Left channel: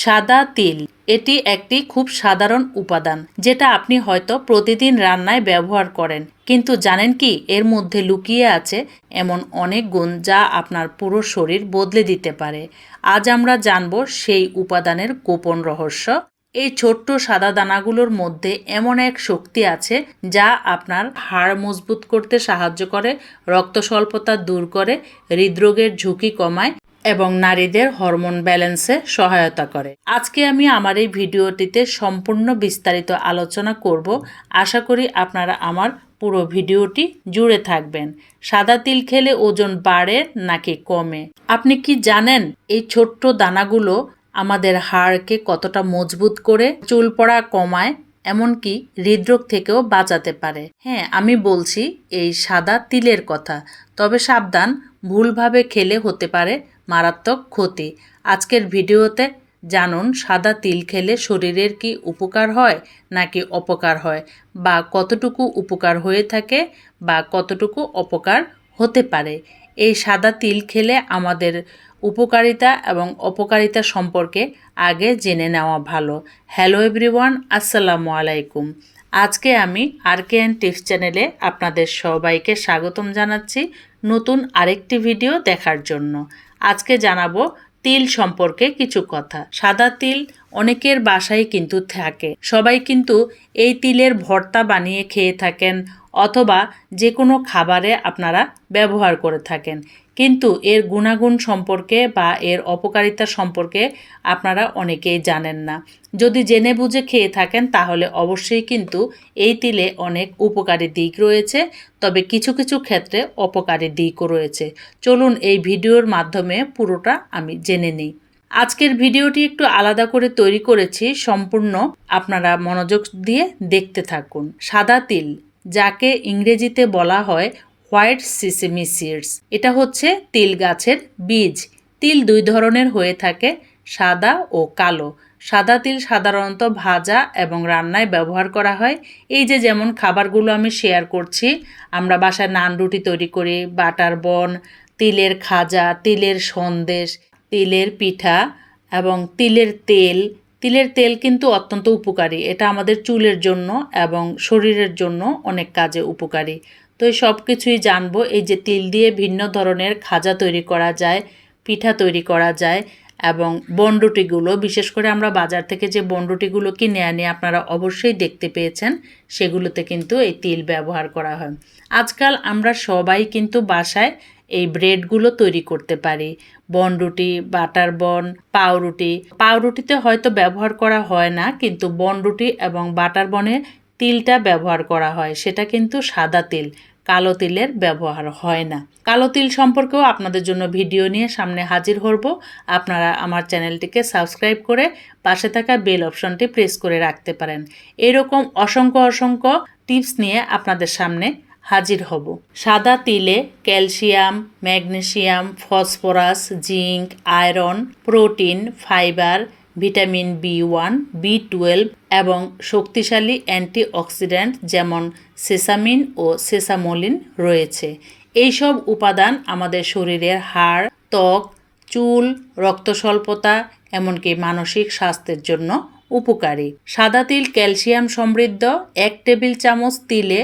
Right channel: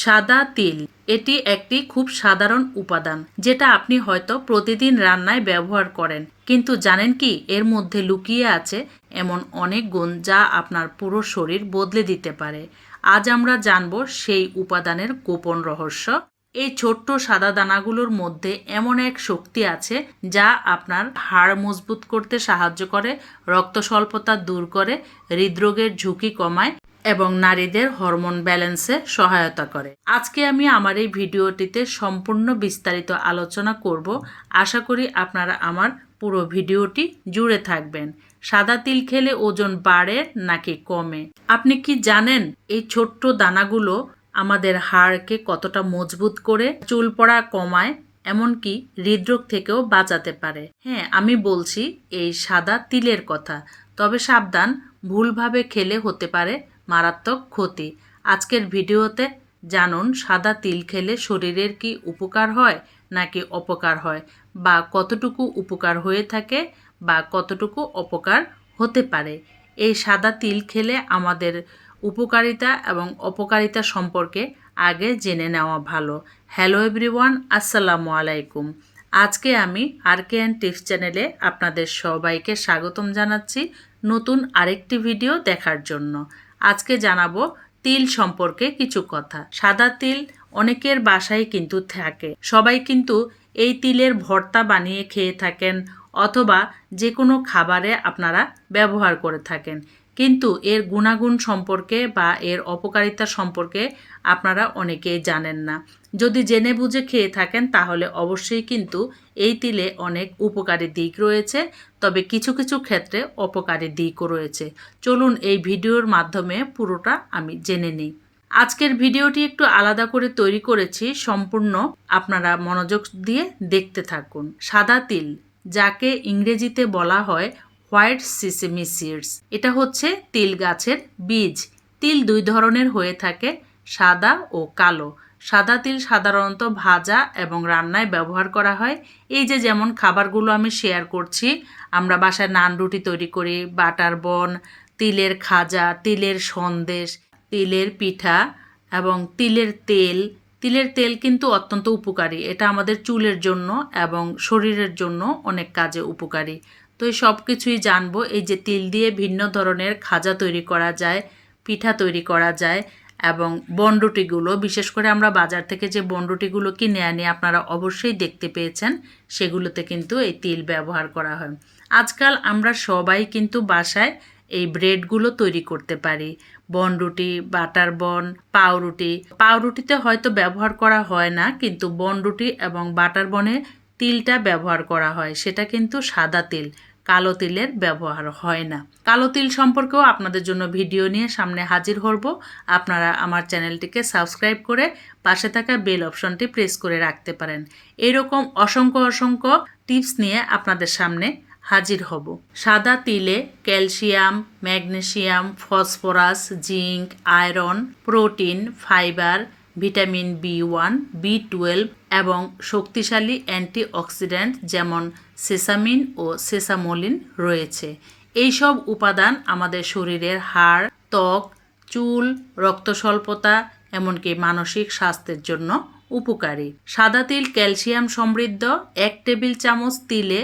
সাদা তিল। এটি একটি খুব সাধারণ উপাদান, যেটা আপনি হয়তো প্রতিদিন রান্নায় ব্যবহার করেন। কিন্তু জানেন কি, এর মধ্যে লুকিয়ে আছে এমন অনেক গুণ যা আপনার পুরো শরীর বদলে দিতে পারে। আজ আমরা জানব সেই উপাদানের গোপন রহস্য। এই ছোট্ট সাদা দানাগুলোর মধ্যে এমন এক শক্তি আছে যা আপনার হাড় মজবুত করতে সাহায্য করে রক্ত স্বল্পতা দূর করে, হৃদরোগের ঝুঁকি কমায় এবং নারীদের হরমোন ব্যালেন্সে সহায়তা করে। আজকে আমি আমার এই ভিডিওটিতে সম্পূর্ণ বিস্তারিত আলোচনা করব। আশা করি আপনারা আমার পুরো ভিডিওটি জুড়ে থাকবেন। সাদা তিল খেলে ওজন বাড়ে নাকি কমে? আপনি কি জানেন এই ছোট্ট দানাগুলো আমাদের হাড়কে কতটা মজবুত করে, চুল পড়া কমায়, এমনকি হৃদরোগ থেকেও বাঁচাতে পারে? হ্যাঁ আমি বলছি এই সাদা তিলের কথা। তবে সাবধান, ভুলভাবে খেলে হতে পারে মারাত্মক ক্ষতি। আজকের ভিডিওতে জানুন, সাদা তিল খেলে শরীরের কি উপকার হয় নাকি অপকার হয়? বা কতটুকু উপকার হয়ে থাকে বা কতটুকু অপকার হতে পারে? এই সাদা তিল খেলে আমাদের উপকারিতা এবং অপকারিতা সম্পর্কে আগে জেনে নেওয়া ভালো। হ্যালো এভরিওয়ান, আসসালামু আলাইকুম। আজকে আমি আরকে অ্যান্ড টিপস চ্যানেলে আপনাদের সবাইকে স্বাগতম জানাচ্ছি নতুন আরেকটি ভিডিও দেখার জন্য। আজকে জানাব তিল সম্পর্কে কিছু কথা। সাদা তিল অনেকের বাসায় কিন্তু থাকে। সবাই কিন্তু এই তিলের ভর্তা বানিয়ে খেয়ে থাকেন অথবা যে কোনো খাবারে আপনারা ব্যবহার করে থাকেন। কিন্তু এর গুণাগুণ সম্পর্কে বা এর অপকারিতা সম্পর্কে আপনারা অনেকেই জানেন না। যদি জেনে বুঝে খেয়ে থাকেন, তাহলে অবশ্যই কিন্তু এই তিলে অনেক উপকারী দিক রয়েছে, তবে কিছু কিছু ক্ষেত্রে অপকারী দিকও রয়েছে। চলুন এই ভিডিওর মাধ্যমে পুরোটা আমি জেনে নিই। আজকের ভিডিওটি একটু আলাদা করে তৈরি করেছি, সম্পূর্ণ আপনারা মনোযোগ দিয়ে দেখতে থাকুন। সাদা তিল, যাকে ইংরেজিতে বলা হয় হোয়াইট সিসেমি সিডস। এটা হচ্ছে তিল গাছের বীজ। তিল দুই ধরনের হয়ে থাকে, সাদা ও কালো। সাদা তিল সাধারণত ভাজা এবং রান্নায় ব্যবহার করা হয়। এই যে যেমন খাবারগুলো আমি শেয়ার করছি, আমরা বাসায় নান রুটি তৈরি করি, বাটার বন, তিলের খাজা, তিলের সন্দেশ, তিলের পিঠা এবং তিলের তেল। তিলের তেল কিন্তু অত্যন্ত উপকারী। এটা আমাদের চুলের জন্য এবং শরীরের জন্য অনেক কাজে উপকারী। তো সব কিছুই জানব। এই যে তিল দিয়ে ভিন্ন ধরনের খাজা তৈরি করা যায়, পিঠা তৈরি করা যায় এবং বনরুটিগুলো, বিশেষ করে আমরা বাজার থেকে যে বনরুটিগুলো কিনে আনি আপনারা অবশ্যই দেখতে পেয়েছেন, সেগুলোতে কিন্তু এই তিল ব্যবহার করা হয়। আজকাল আমরা সবাই কিন্তু বাসায় এই ব্রেডগুলো তৈরি করতে পারি। বনরুটি, বাটার বন, পাউরুটি। পাউরুটিতে হয়তো ব্যবহার করা হয় না, কিন্তু বনরুটি এবং বাটার বনে তিলটা ব্যবহার করা হয়। সেটা কিন্তু সাদা তিল। কালো তিলের ব্যবহার হয় না। কালো তিল সম্পর্কেও আপনাদের জন্য ভিডিও নিয়ে সামনে হাজির হব। আপনারা আমার চ্যানেলটিকে সাবস্ক্রাইব করে পাশে থাকা বেল অপশনটি প্রেস করে রাখতে পারেন। এরকম অসংখ্য অসংখ্য টিপস নিয়ে আপনাদের সামনে হাজির হব। সাদা তিলে calcium, magnesium, phosphorus, zinc, iron, protein, fibre vitamin B one B twelve এবং শক্তিশালী অ্যান্টিঅক্সিডেন্ট যেমন সেসামিন ও সেসামোলিন রয়েছে। এইসব উপাদান আমাদের শরীরের হাড়, ত্বক, চুল রক্ত স্বল্পতা এমনকি মানসিক স্বাস্থ্যের জন্য উপকারী। সাদা তিল ক্যালসিয়াম সমৃদ্ধ, এক টেবিল চামচ তিলে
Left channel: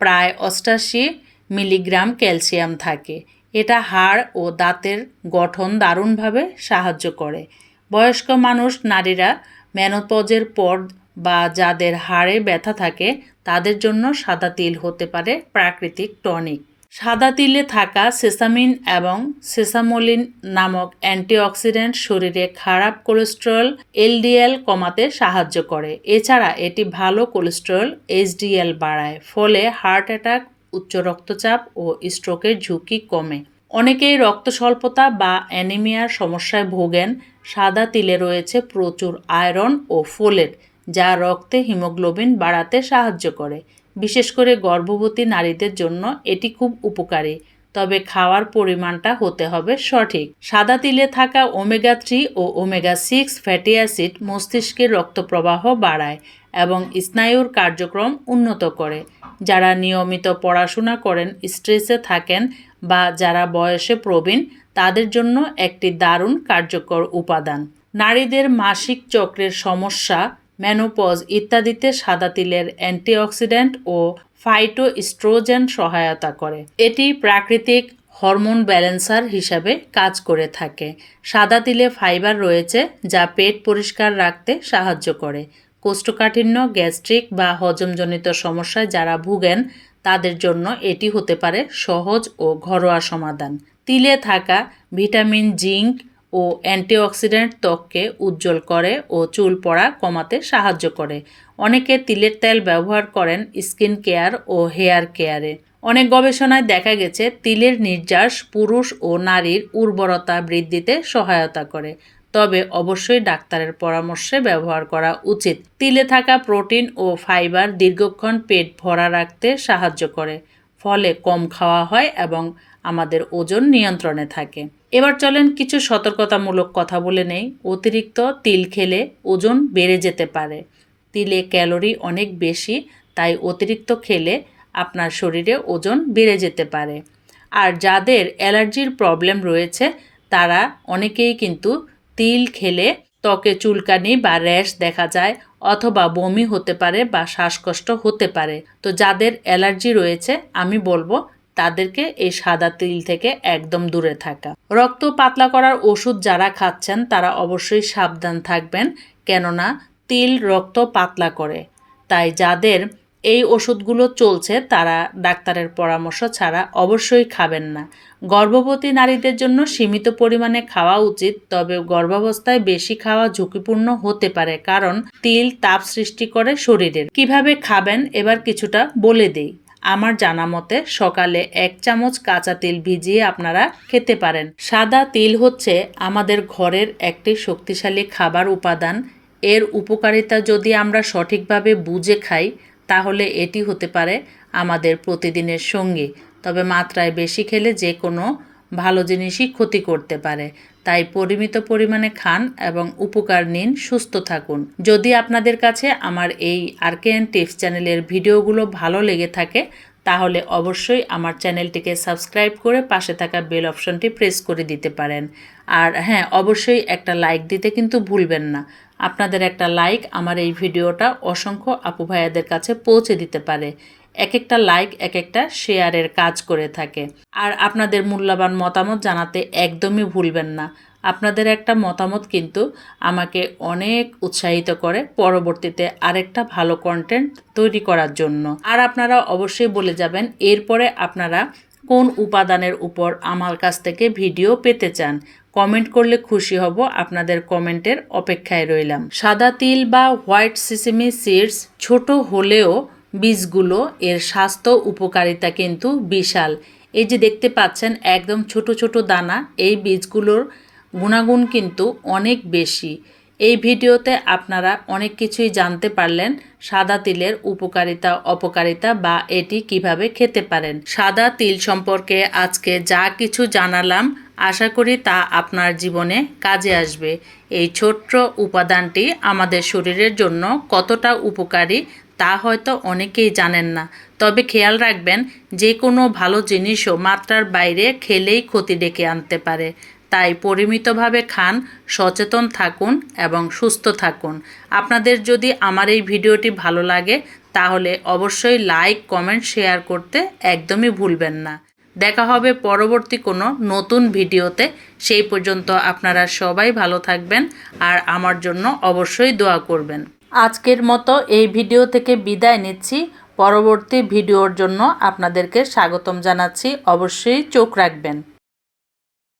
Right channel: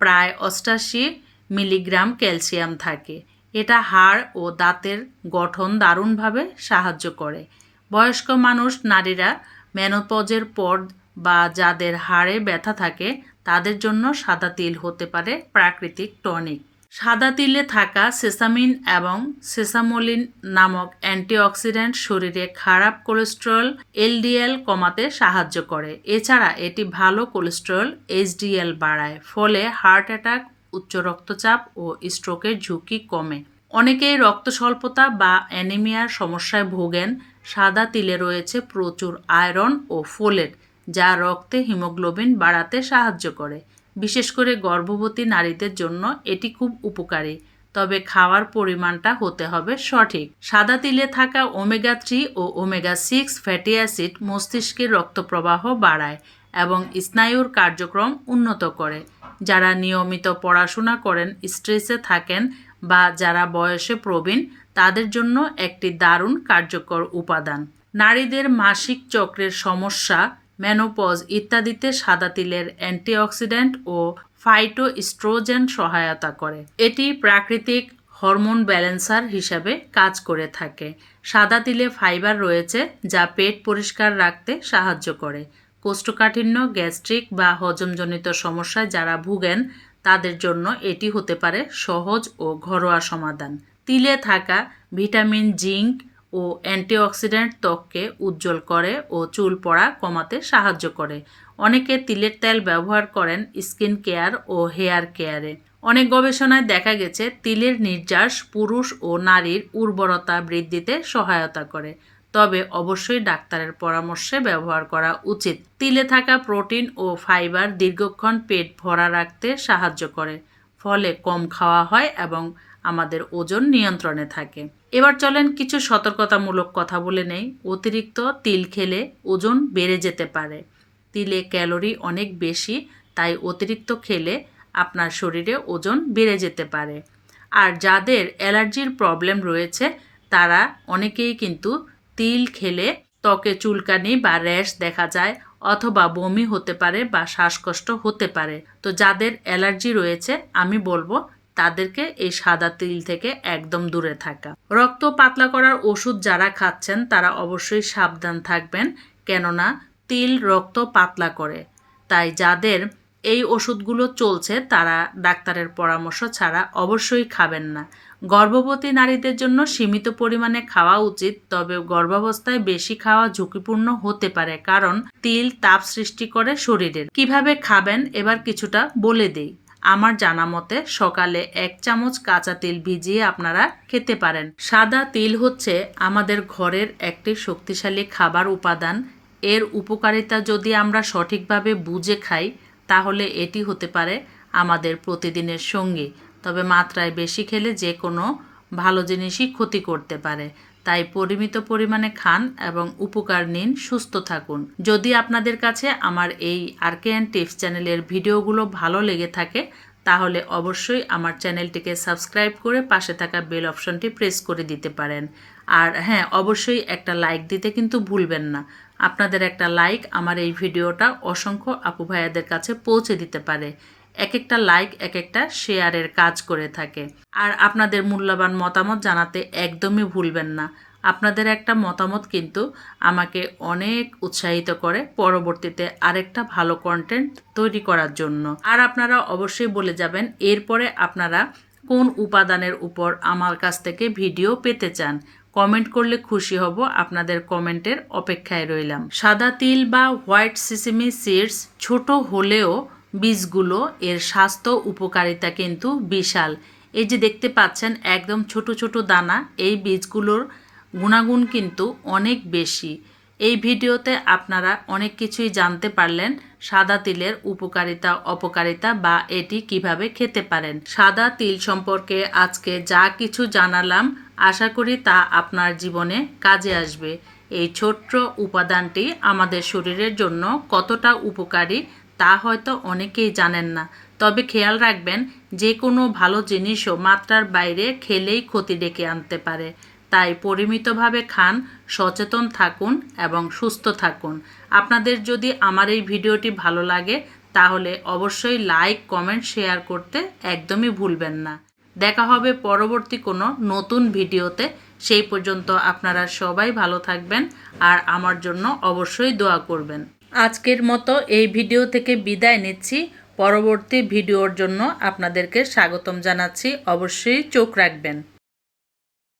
প্রায় অষ্টাশি মিলিগ্রাম ক্যালসিয়াম থাকে। এটা হাড় ও দাঁতের গঠন দারুণভাবে সাহায্য করে। বয়স্ক মানুষ, নারীরা মেনোপজের পর বা যাদের হাড়ে ব্যথা থাকে, তাদের জন্য সাদা তিল হতে পারে প্রাকৃতিক টনিক। সাদা তিলে থাকা সেসামিন এবং সেসামোলিন নামক অ্যান্টিঅক্সিডেন্ট শরীরে খারাপ কোলেস্ট্রল, এলডিএল কমাতে সাহায্য করে। এছাড়া এটি ভালো কোলেস্ট্রল, এইচডিএল বাড়ায়, ফলে হার্ট অ্যাটাক, উচ্চ রক্তচাপ ও স্ট্রোকের ঝুঁকি কমে। অনেকেই রক্ত স্বল্পতা বা অ্যানিমিয়ার সমস্যায় ভোগেন সাদা তিলে রয়েছে প্রচুর আয়রন ও ফোলেট, যা রক্তে হিমোগ্লোবিন বাড়াতে সাহায্য করে। বিশেষ করে গর্ভবতী নারীদের জন্য এটি খুব উপকারী, তবে খাওয়ার পরিমাণটা হতে হবে সঠিক। সাদা তিলে থাকা ওমেগা থ্রি ও ওমেগা সিক্স ফ্যাটি অ্যাসিড মস্তিষ্কের রক্তপ্রবাহ বাড়ায় এবং স্নায়ুর কার্যক্রম উন্নত করে। যারা নিয়মিত পড়াশোনা করেন, স্ট্রেসে থাকেন বা যারা বয়সে প্রবীণ, তাদের জন্য একটি দারুণ কার্যকর উপাদান। নারীদের মাসিক চক্রের সমস্যা, মেনোপজ ইত্যাদিতে সাদা তিলের অ্যান্টিঅক্সিডেন্ট ও ফাইটোস্ট্রোজেন সহায়তা করে। এটি প্রাকৃতিক হরমোন ব্যালেন্সার হিসাবে কাজ করে থাকে। সাদা তিলে ফাইবার রয়েছে যা পেট পরিষ্কার রাখতে সাহায্য করে। কোষ্ঠকাঠিন্য, গ্যাস্ট্রিক বা হজমজনিত সমস্যায় যারা ভুগেন তাদের জন্য এটি হতে পারে সহজ ও ঘরোয়া সমাধান। তিলে থাকা ভিটামিন, জিঙ্ক ও অ্যান্টিঅক্সিডেন্ট ত্বককে উজ্জ্বল করে ও চুল পড়া কমাতে সাহায্য করে। অনেকে তিলের তেল ব্যবহার করেন স্কিন কেয়ার ও হেয়ার কেয়ারে। অনেক গবেষণায় দেখা গেছে, তিলের নির্যাস পুরুষ ও নারীর উর্বরতা বৃদ্ধিতে সহায়তা করে। তবে অবশ্যই ডাক্তারের পরামর্শে ব্যবহার করা উচিত। তিলে থাকা প্রোটিন ও ফাইবার দীর্ঘক্ষণ পেট ভরা রাখতে সাহায্য করে, ফলে কম খাওয়া হয় এবং আমাদের ওজন নিয়ন্ত্রণে থাকে। এবার চলেন কিছু সতর্কতামূলক কথা বলে নেই। অতিরিক্ত তিল খেলে ওজন বেড়ে যেতে পারে। তিলে ক্যালোরি অনেক বেশি, তাই অতিরিক্ত খেলে আপনার শরীরে ওজন বেড়ে যেতে পারে। আর যাদের অ্যালার্জির প্রবলেম রয়েছে, তারা অনেকেই কিন্তু তিল খেলে ত্বকে চুলকানি বা র্যাশ দেখা যায় অথবা বমি হতে পারে বা শ্বাসকষ্ট হতে পারে। তো যাদের অ্যালার্জি রয়েছে, আমি বলব তাদেরকে এই সাদা তিল থেকে একদম দূরে থাকা। রক্ত পাতলা করার ওষুধ যারা খাচ্ছেন, তারা অবশ্যই সাবধান থাকবেন। কেননা তিল রক্ত পাতলা করে। তাই যাদের এই ওষুধগুলো চলছে, তারা ডাক্তারের পরামর্শ ছাড়া অবশ্যই খাবেন না। গর্ভবতী নারীদের জন্য সীমিত পরিমাণে খাওয়া উচিত, তবে গর্ভাবস্থায় বেশি খাওয়া ঝুঁকিপূর্ণ হতে পারে কারণ তিল তাপ সৃষ্টি করে শরীরের। কীভাবে খাবেন? এবার কিছুটা বলে দেই। আমার জানা মতে সকালে এক চামচ কাঁচা তিল ভিজিয়ে আপনারা খেতে পারেন। সাদা তিল হচ্ছে আমাদের ঘরের একটি শক্তিশালী খাবার উপাদান। এর উপকারিতা যদি আমরা সঠিকভাবে বুঝে খাই তাহলে এটি হতে পারে আমাদের প্রতিদিনের সঙ্গী। তবে মাত্রায় বেশি খেলে যে কোনো ভালো জিনিসই ক্ষতি করতে পারে। তাই পরিমিত পরিমাণে খান এবং উপকার নিন, সুস্থ থাকুন। যদি আপনাদের কাছে আমার এই আরকেএন টিপস চ্যানেলের ভিডিওগুলো ভালো লেগে থাকে তাহলে অবশ্যই আমার চ্যানেলটিকে সাবস্ক্রাইব করে পাশে থাকা বেল অপশনটি প্রেস করে দিতে পারেন। আর হ্যাঁ অবশ্যই একটা লাইক দিতে কিন্তু ভুলবেন না। আপনাদের একটা লাইক আমার এই ভিডিওটা অসংখ্য আপু ভাইয়াদের কাছে পৌঁছে দিতে পারে। এক একটা লাইক এক একটা শেয়ারের কাজ করে থাকে। আর আপনাদের মূল্যবান মতামত জানাতে একদমই ভুলবেন না। আপনাদের একটা মতামত কিন্তু আমাকে অনেক উৎসাহিত করে পরবর্তীতে আরেকটা ভালো কন্টেন্ট তৈরি করার জন্য। আর আপনারা অবশ্যই বলে যাবেন, এরপরে আপনারা কোন উপাদানের উপর আমার কাছ থেকে ভিডিও পেতে চান কমেন্ট করলে খুশি হব, আপনাদের কমেন্টের অপেক্ষায় রইলাম। সাদা তিল বা হোয়াইট সিসিমি সিডস ছোট হলেও বীজগুলো এর স্বাস্থ্য উপকারিতা কিন্তু বিশাল। এই যে দেখতে পাচ্ছেন, একদম ছোট ছোট দানা, এই বীজগুলোর গুণাগুণ কিন্তু অনেক বেশি। এই ভিডিওতে আপনারা অনেক কিছুই জানতে পারলেন, সাদা তিলের উপকারিতা, অপকারিতা বা এটি কীভাবে খেতে পারেন। সাদা তিল সম্পর্কে আজকে যা কিছু জানালাম, আশা করি তা আপনার জীবনে কাজে আসবে। এই ছোট্ট উপাদানটি আমাদের শরীরের জন্য কতটা উপকারী তা হয়তো অনেকেই জানেন না। তবে খেয়াল রাখবেন, যে কোনো ভালো জিনিসও মাত্রার বাইরে খেলেই ক্ষতি ডেকে আনতে পারে। তাই পরিমিতভাবে খান, সচেতন থাকুন এবং সুস্থ থাকুন। আপনাদের যদি আমার এই ভিডিওটি ভালো লাগে, তাহলে অবশ্যই লাইক, কমেন্ট, শেয়ার করতে একদমই ভুলবেন না। দেখা হবে পরবর্তী কোনো নতুন ভিডিওতে। সেই পর্যন্ত আপনারা সবাই ভালো থাকবেন আর আমার জন্য অবশ্যই দোয়া করবেন। আজকের মতো এই ভিডিও থেকে বিদায় নিচ্ছি। পরবর্তী ভিডিওর জন্য আপনাদেরকে স্বাগতম জানাচ্ছি। অবশ্যই চোখ রাখবেন।